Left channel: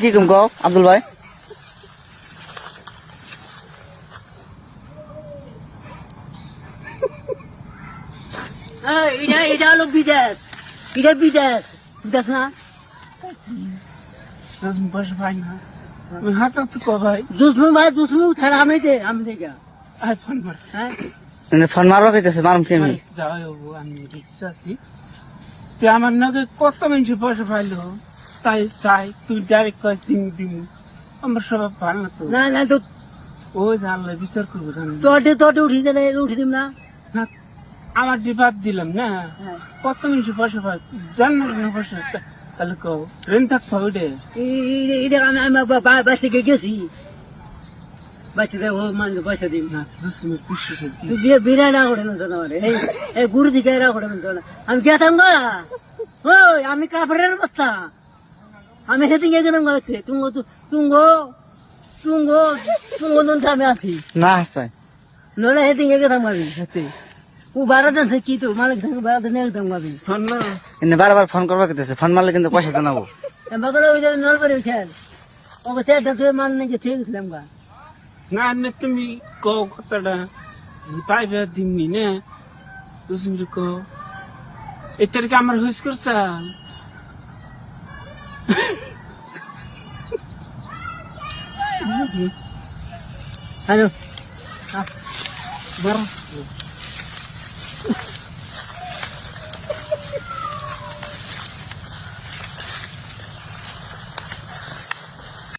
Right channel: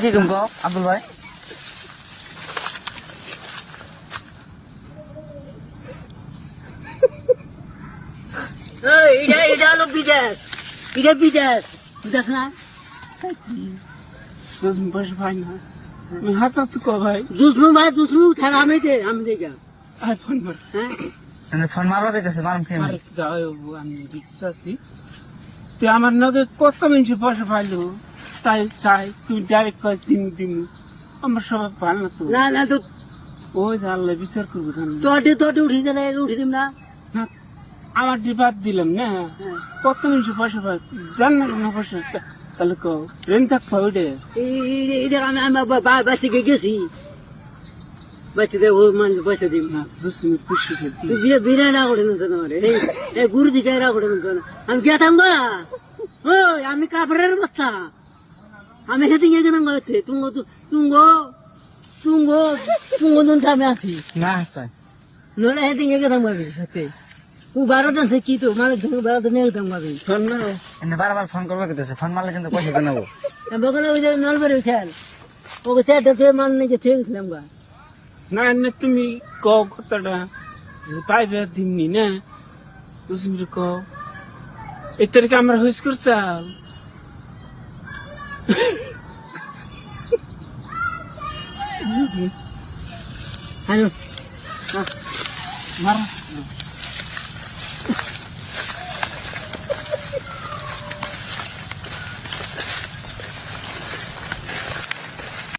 কি কম কও আব্দুল ভাই এটা হলো বিদেশ, এটা বিদেশ দেখ না বস ভাই না হাসা তো কো ভাই দুশ্মন ভাই দুশ্মন থাকা আমি দেখা আর ফোন কর হ্যাঁ এনে ফোন মারো কইতেছে মারুম কি আমি যাও আমি রিক্সা আছি তুই আমার নগে কত মিনিট বসে পাইলো তাই চাই তুই ডাইরেক্ট করে দিন আমার সব ভালো না তো না না তো ওই জানলে বিচার করবো তোটে উঠি দিলে উঠি দিম না আমার ডিবাদ দিলাম না কত মিনিট বসে পাই জান না বসে তাহলে কো ট্রেন থাক ফাউডে এটা আমি বাচ্চাকে গেছি বাচ্চাদের ও মানে পয়সা দিম না দুসমি পুষি বিরাট রাখে না গুরু দিকে রাখে না আমি গেতাম না ওই আমি কাপড়ের বস্তা আমি সেদিন গেছিলাম ঘরেতে তুঙ্গ নুন আমি আছি না হাসাই নলে সেদিন গেতাম গাবি হাতে ও 12 দিন থেকে কি তো মালিক থেকে 12 দিন গেতাম গাবি ফোন না এনে বারবার ফোন করবা কইতেছে ফোন মারলে কিন্তু পয়সা জানাবো বগলে ওই যে নলবাড়ি খেয়াল ওকে চারটা থেকে মান নাকি ঠিক ছিলাম গা না না তুমি কও কথাটা পাইবে দিমনি না দুসমি কও এই তারিখে আমার হইস করছাল হ্যালো মার